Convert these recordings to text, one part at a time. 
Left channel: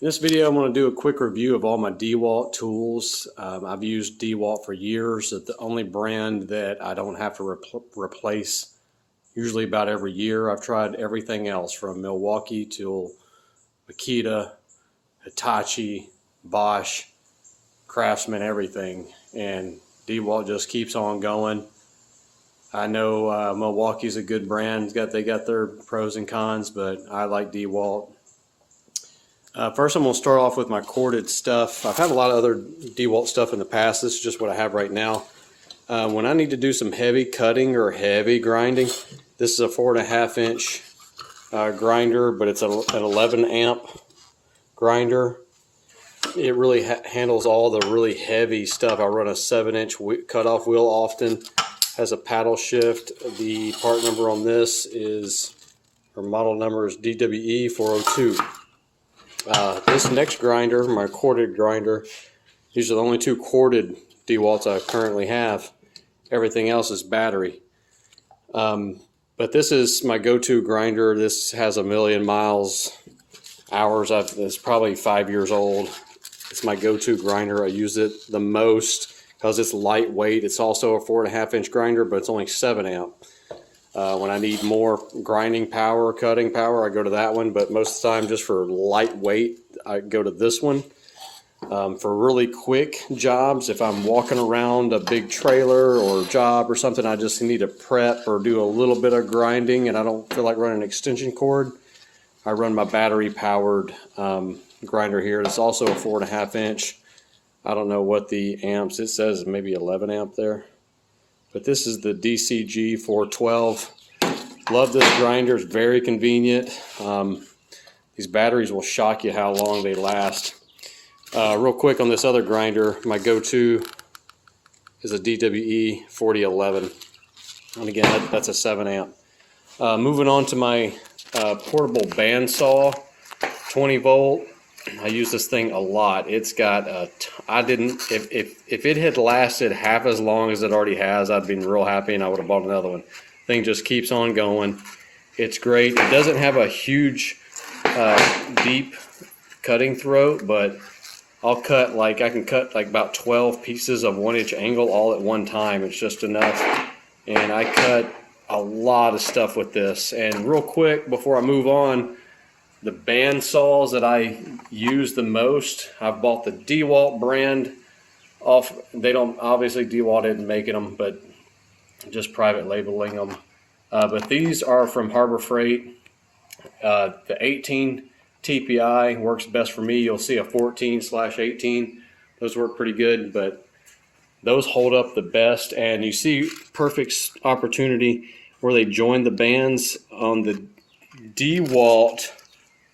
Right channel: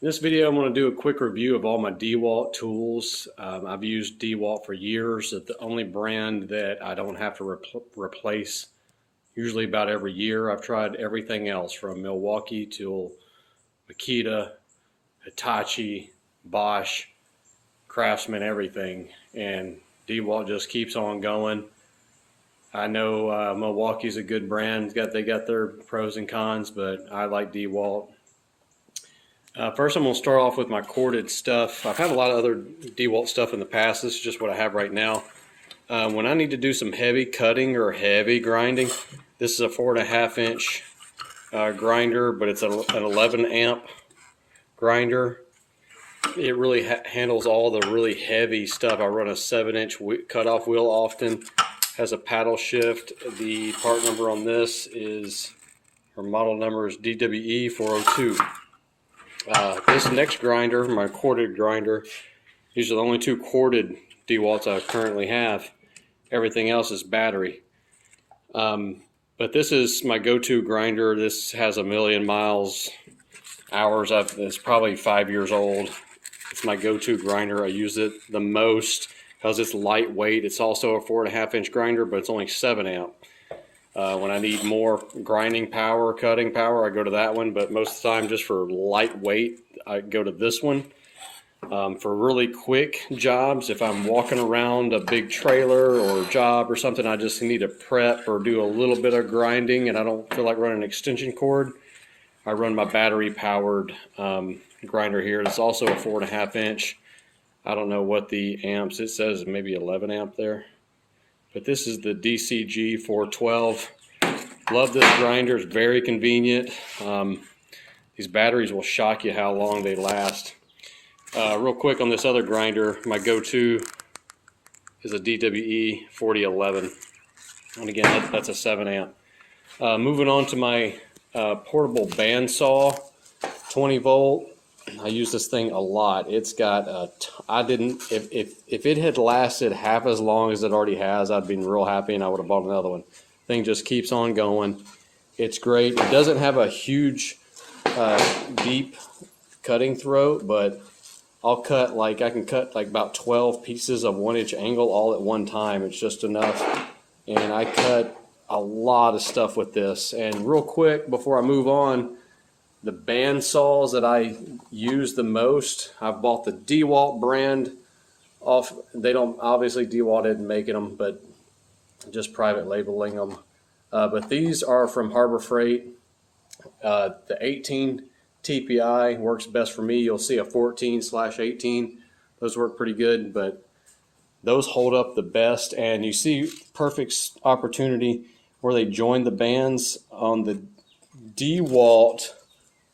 In this video, I'm going to do a quick review of all my DeWalt tools. I've used DeWalt for years. It's the only brand that I don't have to replace usually about every year. I've tried everything else from Milwaukee to Makita, Hitachi, Bosch, Craftsman, everything. And DeWalt just keeps on going. I know Milwaukee's a good brand. They got their pros and cons, but I like DeWalt. First, I'm going to start off with my corded stuff. I've had a lot of other DeWalt stuff in the past. This is just what I have right now. When I need to do some heavy cutting or heavy grinding, this is a 4.5 inch grinder, but it's an 11 amp grinder. It really handles all the really heavy stuff. I run a 7-inch cutoff wheel often. Has a paddle shift. The part number on this is, or model number is DWE 402. This next grinder, my corded grinder, these are the only two corded DeWalts I currently have. Everything else is battery. But this is my go-to grinder. This has 1,000,000 miles, hours. It's probably 5 years old. It's my go-to grinder. I use it the most because it's lightweight. It's also a 4.5 inch grinder, but it's only 7 amp. When I need more grinding power, cutting power, I go to that one, but most of the time just for lightweight, I go to this one. For really quick jobs, if I'm walking around a big trailer or job or something, I just need to prep or do a little bit of grinding and I don't feel like running an extension cord, I run my battery powered grinder here. It's also a 4.5 inch. I don't know what the amps, it says maybe 11 amp there. But this is the DCG 412. Love this grinder, it's very convenient. These batteries will shock you how long they last. Real quick on this other grinder, my go-to is a DWE 4011. And again, that's a 7 amp. Moving on to my portable bandsaw, 20 volt. I use this thing a lot. It's got if it had lasted half as long as it already has, I'd been real happy and I would have bought another one. Thing just keeps on going. It's great. It doesn't have a huge deep cutting throat, but I can cut like about 12 pieces of 1-inch angle all at one time. It's just enough. And I cut a lot of stuff with this. And real quick before I move on, the bandsaws that I use the most, I've bought the DeWalt brand off. They don't, obviously DeWalt isn't making them, but just private labeling them. But these are from Harbor Freight. The 18 TPI works best for me. You'll see a 14/18. Those work pretty good, but those hold up the best. And you see perfect opportunity where they join the bands on the DeWalt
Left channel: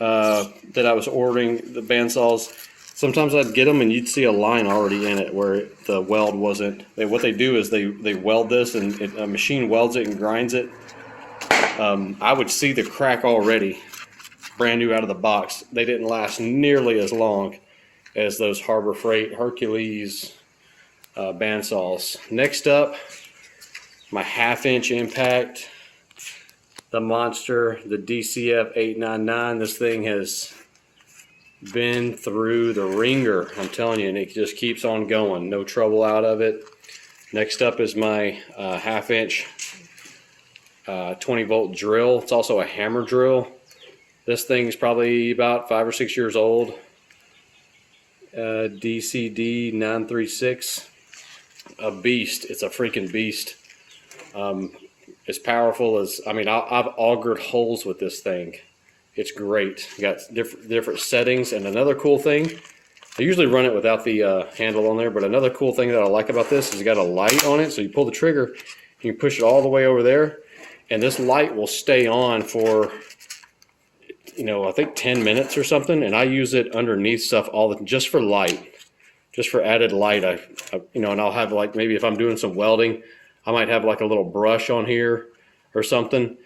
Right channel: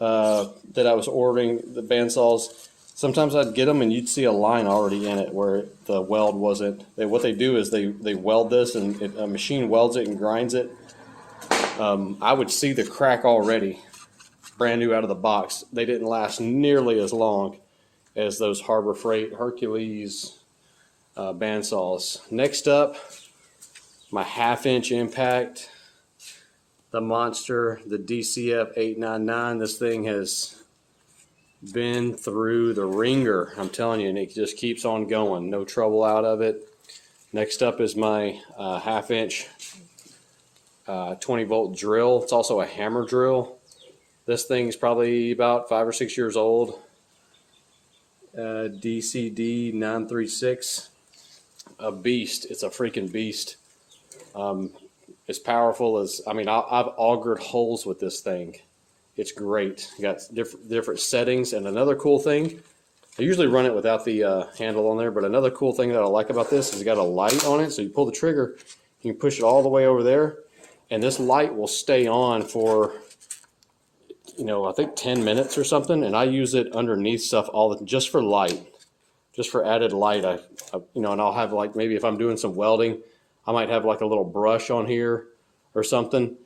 that I was ordering, the bandsaws. Sometimes I'd get them and you'd see a line already in it where the weld wasn't. What they do is they weld this and a machine welds it and grinds it. I would see the crack already, brand new out of the box. They didn't last nearly as long as those Harbor Freight Hercules bandsaws. Next up, my 1/2 inch impact. The monster, the DCF 899. This thing has been through the ringer, I'm telling you, and it just keeps on going. No trouble out of it. Next up is my 1/2 inch 20 volt drill. It's also a hammer drill. This thing's probably about 5 or 6 years old. DCD 936. A beast. It's a freaking beast. As powerful as, I mean, I've augured holes with this thing. It's great. You got different settings. And another cool thing, I usually run it without the handle on there, but another cool thing that I like about this is it's got a light on it. So you pull the trigger, you can push it all the way over there, and this light will stay on for, I think 10 minutes or something. And I use it underneath stuff just for light, just for added light. And I'll have, like, maybe if I'm doing some welding, I might have like a little brush on here or something,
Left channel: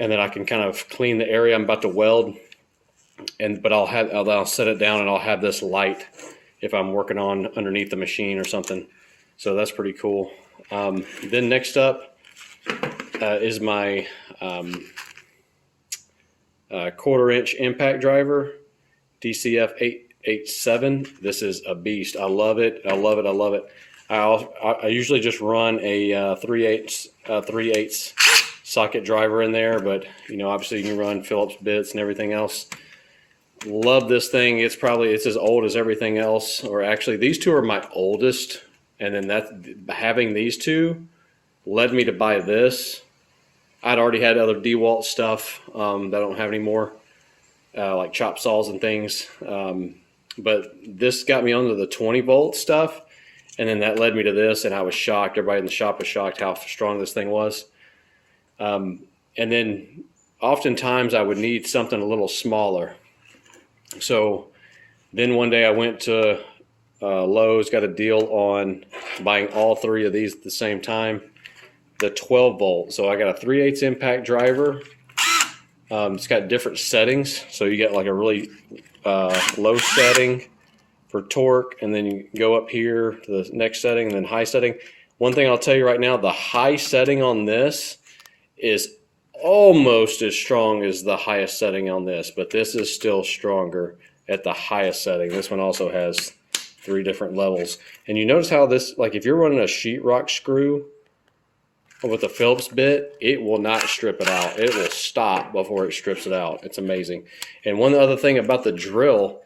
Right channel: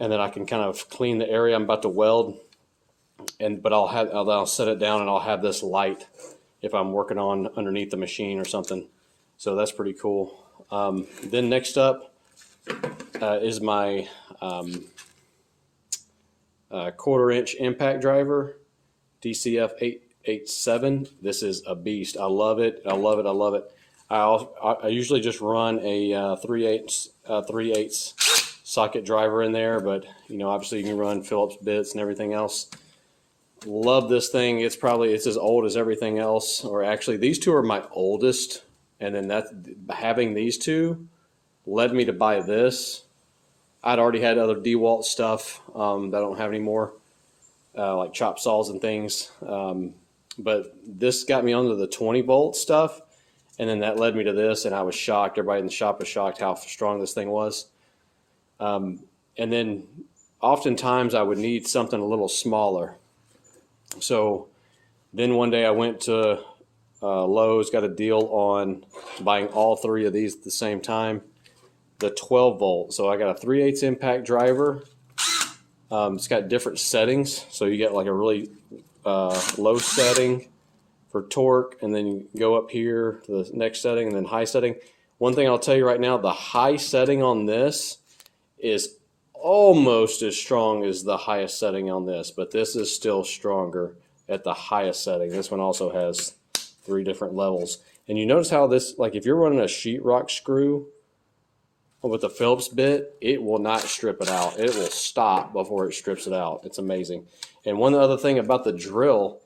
and then I can kind of clean the area I'm about to weld. But I'll set it down and I'll have this light if I'm working on underneath the machine or something. So that's pretty cool. Then next up is my 1/4 inch impact driver. DCF 887. This is a beast. I love it. I love it. I love it. I usually just run a 3/8 socket driver in there, but obviously you can run Phillips bits and everything else. Love this thing. It's as old as everything else, or actually these two are my oldest, and then having these two led me to buy this. I'd already had other DeWalt stuff that I don't have anymore, like chop saws and things, but this got me onto the 20-volt stuff, and then that led me to this, and I was shocked. Everybody in the shop was shocked how strong this thing was. And then oftentimes I would need something a little smaller. So then one day I went to Lowe's, got a deal on buying all three of these at the same time, the 12-volt. So I got a 3/8 impact driver. It's got different settings. So you get like a really low setting for torque, and then you go up here to the next setting and then high setting. One thing I'll tell you right now, the high setting on this is almost as strong as the highest setting on this, but this is still stronger at the highest setting. This one also has 3 different levels. And you notice how this, like if you're running a sheetrock screw with a Phillips bit, it will not strip it out. It will stop before it strips it out. It's amazing. And one other thing about the drill,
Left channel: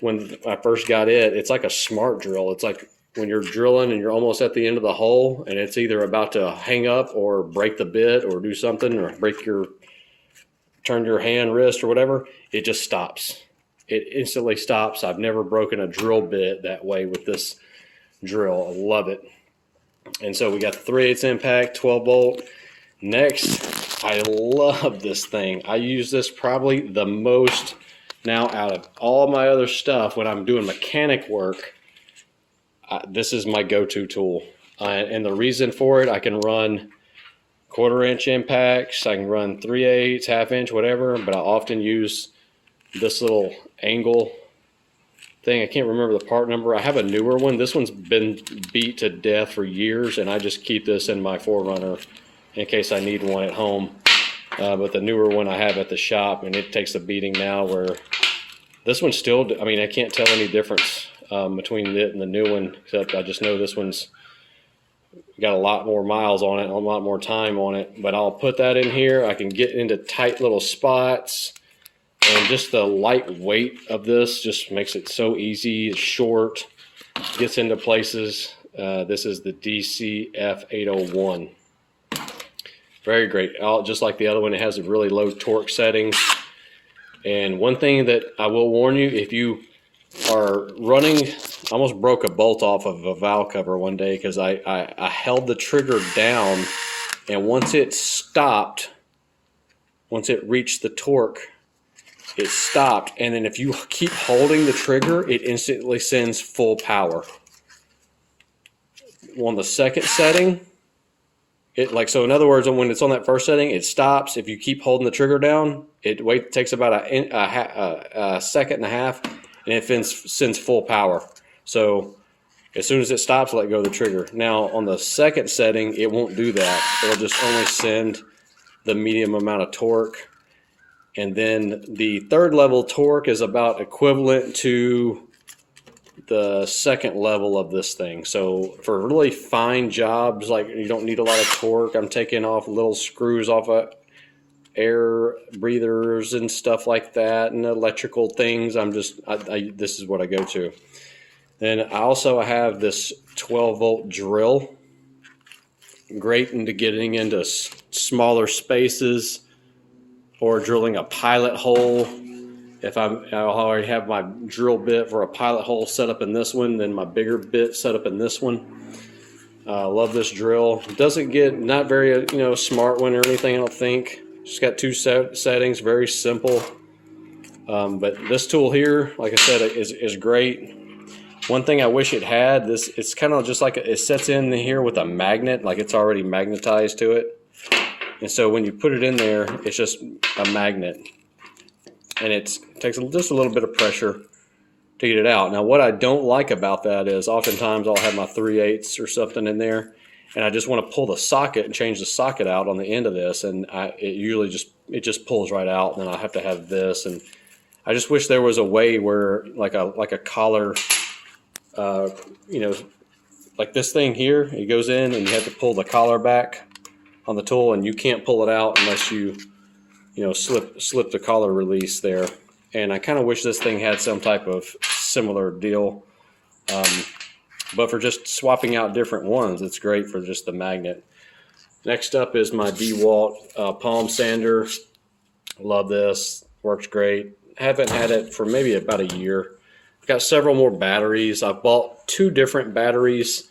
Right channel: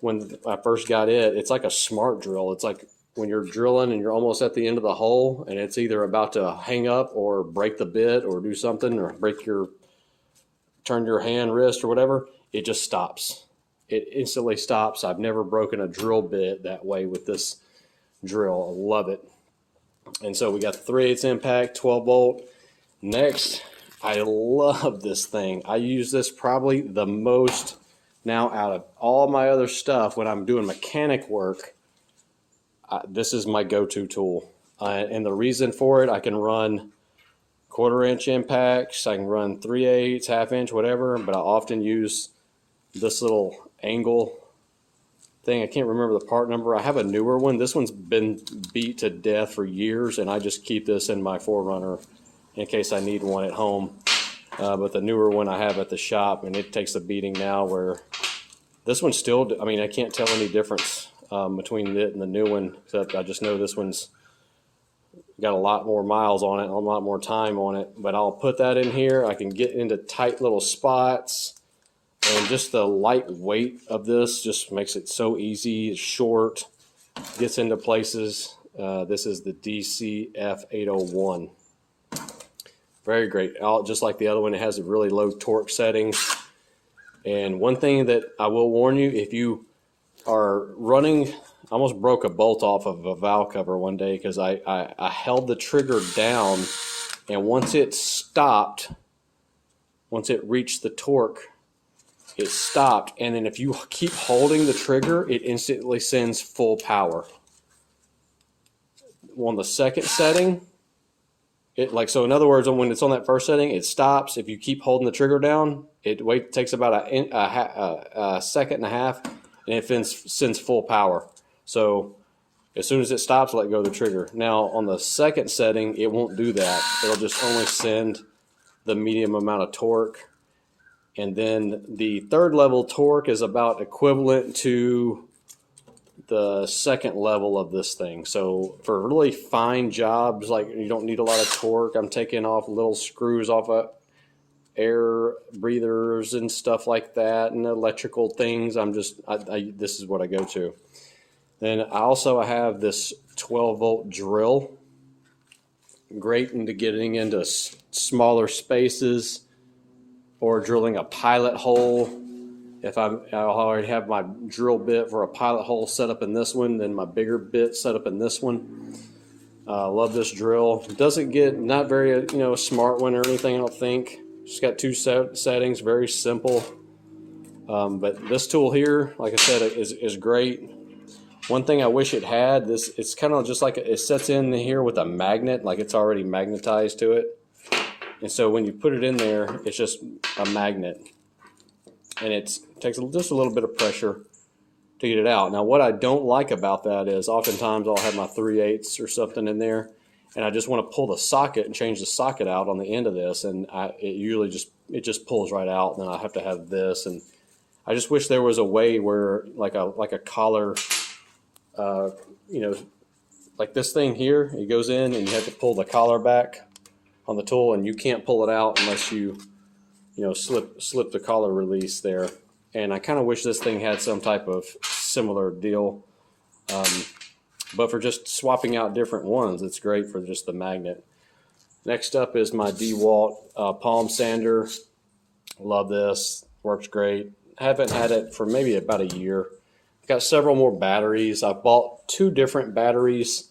when I first got it, it's like a smart drill. It's like when you're drilling and you're almost at the end of the hole and it's either about to hang up or break the bit or do something or turn your hand, wrist or whatever, it just stops. It instantly stops. I've never broken a drill bit that way with this drill. I love it. And so we got the 3/8 impact, 12-volt. Next, I love this thing. I use this probably the most now out of all my other stuff when I'm doing mechanic work. This is my go-to tool. And the reason for it, I can run 1/4-inch impacts, I can run 3/8, 1/2 inch, whatever, but I often use this little angle thing. I can't remember the part number. I have a newer one. This one's been beat to death for years, and I just keep this in my 4Runner in case I need one at home. But the newer one I have at the shop, and it takes a beating now, where this one's still, I mean, I can't tell any difference between it and the new one, except I just know this one's got a lot more miles on it, a lot more time on it. But I'll put that in here. I can get into tight little spots, and just the light weight of this just makes it so easy. It's short, gets into places. This is the DCF 801. Very great. Just like the other one, it has a really low torque settings. And one thing that I will warn you, if you are running, I almost broke a bolt off of a valve cover one day because I held the trigger down, and once it stopped, once it reached the torque, it stopped. And then if you keep holding the trigger, it instantly sends full power. On the second setting, so in other words, when it's on that first setting, it stops. If you keep holding the trigger down, it takes about a second and a half, and it sends full power. So as soon as it stops, let go of the trigger. Now on the second setting, it won't do that. It'll just only send the medium amount of torque. And then the third level torque is about equivalent to the second level of this thing. So for really fine jobs, like you don't need a lot of torque, I'm taking off little screws off of air breathers and stuff like that, and electrical things. This is what I go to. Then I also have this 12-volt drill. Great into getting into smaller spaces or drilling a pilot hole. If I already have my drill bit for a pilot hole set up in this one, then my bigger bit set up in this one. Love this drill. It doesn't get, not very smart one or anything, I don't think. Just got 2 settings, very simple. But this tool here, like I said, is great. One thing I wish it had, it's kind of just like it sets in here with a magnet, like it's already magnetized to it. And so when you put it in there, it's just a magnet. And it takes just a little bit of pressure to get it out. Now what I don't like about that is oftentimes I'll have my 3/8 or something in there, and I just want to pull the socket and change the socket out on the end of this, and it usually just pulls right out, and then I have to have this, and I just wish there was a way where like a collar, you know, like this thing here, it goes in and you have to pull the collar back on the tool, and you can't pull it out unless you slip the collar release there. And I kind of wish this thing had some type of similar deal. But for just swapping out different ones, it's great for just the magnet. Next up is my DeWalt palm sander. Love this, works great. Haven't had it for maybe about a year. Got several more batteries. I bought 2 different batteries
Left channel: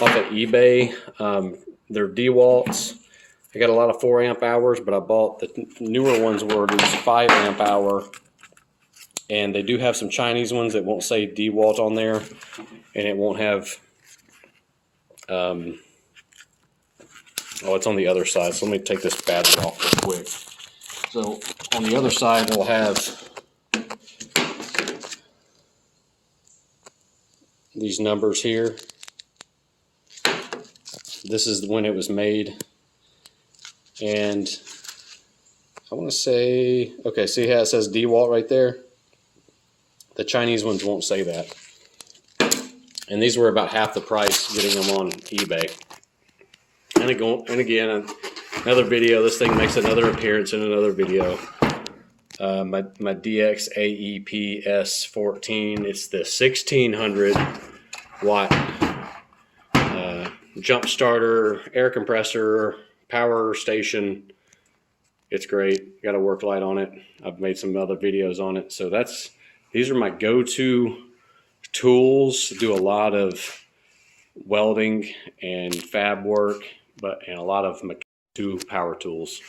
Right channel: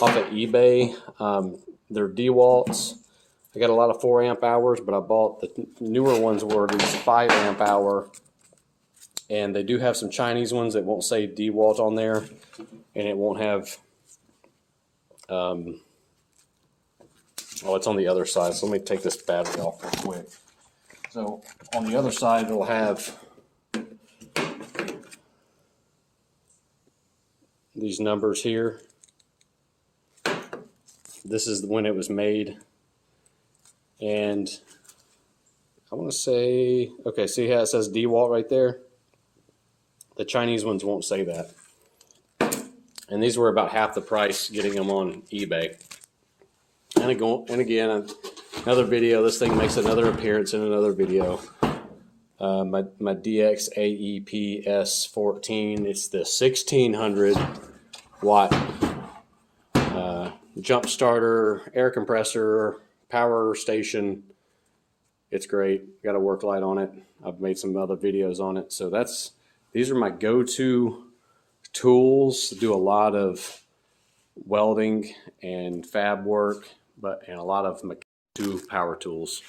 off of eBay. They're DeWalt's. I got a lot of 4 amp hours, but I bought the newer ones were these 5 amp hour. And they do have some Chinese ones that won't say DeWalt on there, and it won't have, oh, it's on the other side. So let me take this battery off real quick. So on the other side, we'll have these numbers here. This is when it was made. And I want to say, okay, see how it says DeWalt right there? The Chinese ones won't say that. And these were about half the price getting them on eBay. And again, another video. This thing makes another appearance in another video. My DX AEP S14. It's the 1600 watt jump starter, air compressor, power station. It's great. Got a work light on it. I've made some other videos on it. So these are my go-to tools. Do a lot of welding and fab work, and a lot of my go-to power tools.